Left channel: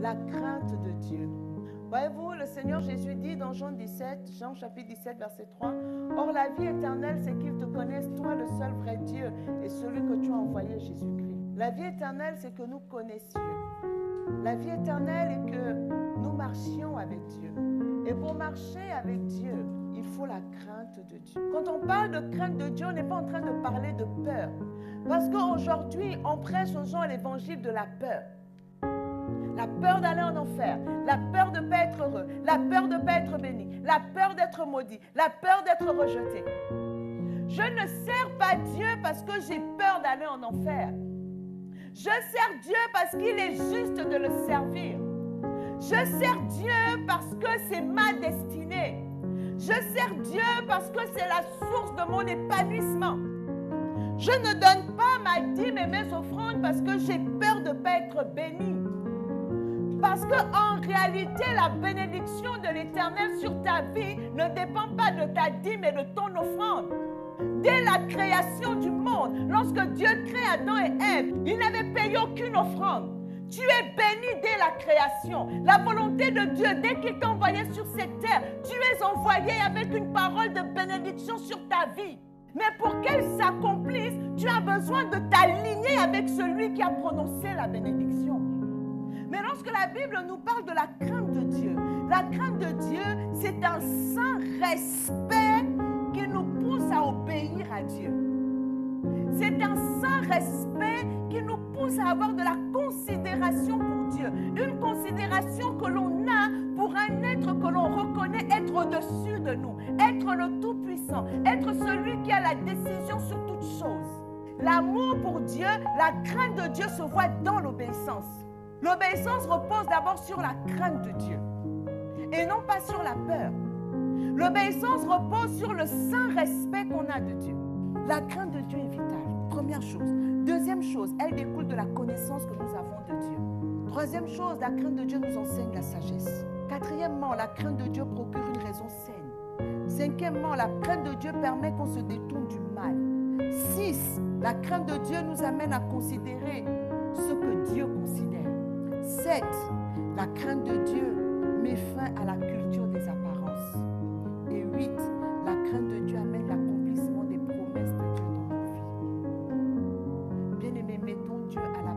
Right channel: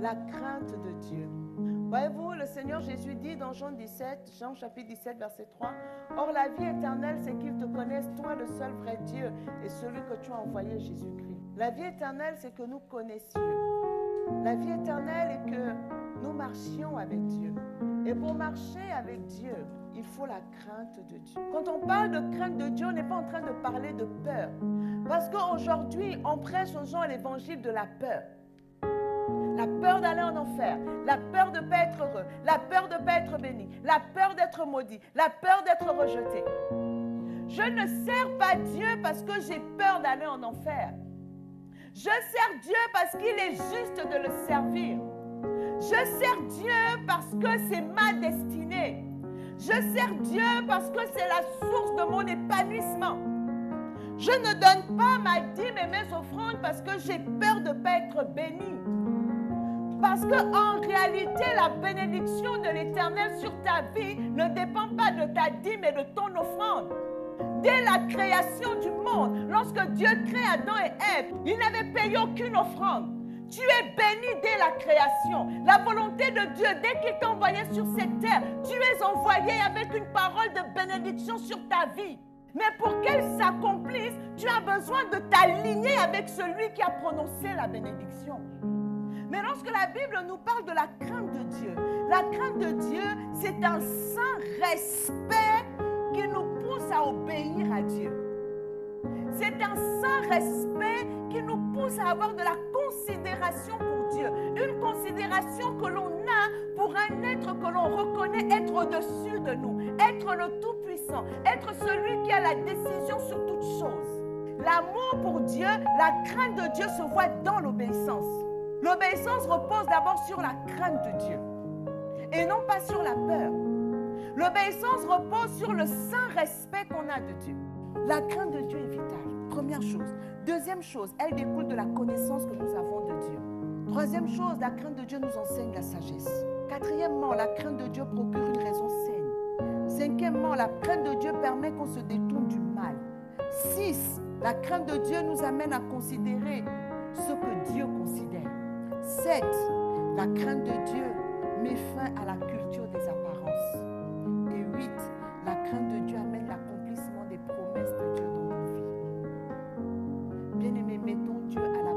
La crainte de Dieu. Voyez-vous, le Seigneur Jésus dit dans Jean chapitre 17, verset 3, « Or la vie éternelle, c'est qu'ils te connaissent, toi le seul vrai Dieu, et celui que tu as envoyé, Jésus-Christ. » La vie éternelle, c'est que nous connaissions. La vie éternelle est que nous marchions avec Dieu. Et pour marcher avec Dieu, il faut la crainte de Dieu. Quand on parle de crainte de Dieu, on n'est pas en train de parler de peur. Parce qu'aujourd'hui, on prêche aux gens l'évangile de la peur. La peur d'aller en enfer, la peur de ne pas être heureux, la peur de ne pas être béni, la peur d'être maudit, la peur d'être rejeté. Je ne sers pas Dieu parce que j'ai peur d'aller en enfer. Je sers Dieu parce qu'il est juste de le servir. Je sers Dieu parce que c'est ma destinée. Je sers Dieu parce que c'est la source de mon épanouissement. Je ne donne pas ma dîme et mes offrandes parce que j'ai peur de ne pas être béni. Parce qu'en réalité, la bénédiction de l'Éternel sur ta vie ne dépend pas de ta dîme et de ton offrande. Dès la création du monde, lorsque Dieu crée Adam et Ève, il n'avait payé aucune offrande. Tu es béni dès la création. La volonté de Dieu, dès qu'il t'a envoyé sur cette terre, tu es envoyé avec une parole de bénédiction sur ta vie. Mais pour qu'elle s'accomplisse, tu as besoin de t'aligner avec celui qui a prononcé la bénédiction. Mais lorsque la Bible nous parle de la crainte de Dieu, la crainte de Dieu, c'est un saint respect qui nous pousse à obéir à Dieu. C'est un saint respect qui nous pousse à avoir de la considération pour Dieu. Une considération que l'on a pour un être que l'on reconnaît être au-dessus de nous, être le Tout-Puissant, être celui qui a la décision sur toutes choses. L'amour pour Dieu, la crainte de Dieu se voit dans l'obéissance. L'obéissance repose d'abord sur la crainte de Dieu et non pas sur la peur. L'obéissance repose sur le saint respect qu'on a de Dieu. La crainte de Dieu est vitale, première chose. Deuxième chose, elle découle de la connaissance que nous avons de Dieu. Troisième chose, la crainte de Dieu nous enseigne la sagesse. Quatrièmement, la crainte de Dieu procure une raison saine. Cinquièmement, la crainte de Dieu permet qu'on se détourne du mal. 6, la crainte de Dieu nous amène à considérer ce que Dieu considère. 7, la crainte de Dieu met fin à la culture des apparences. Et 8, la crainte de Dieu amène l'accomplissement des promesses de Dieu dans nos vies. Bien-aimés, mettons Dieu à la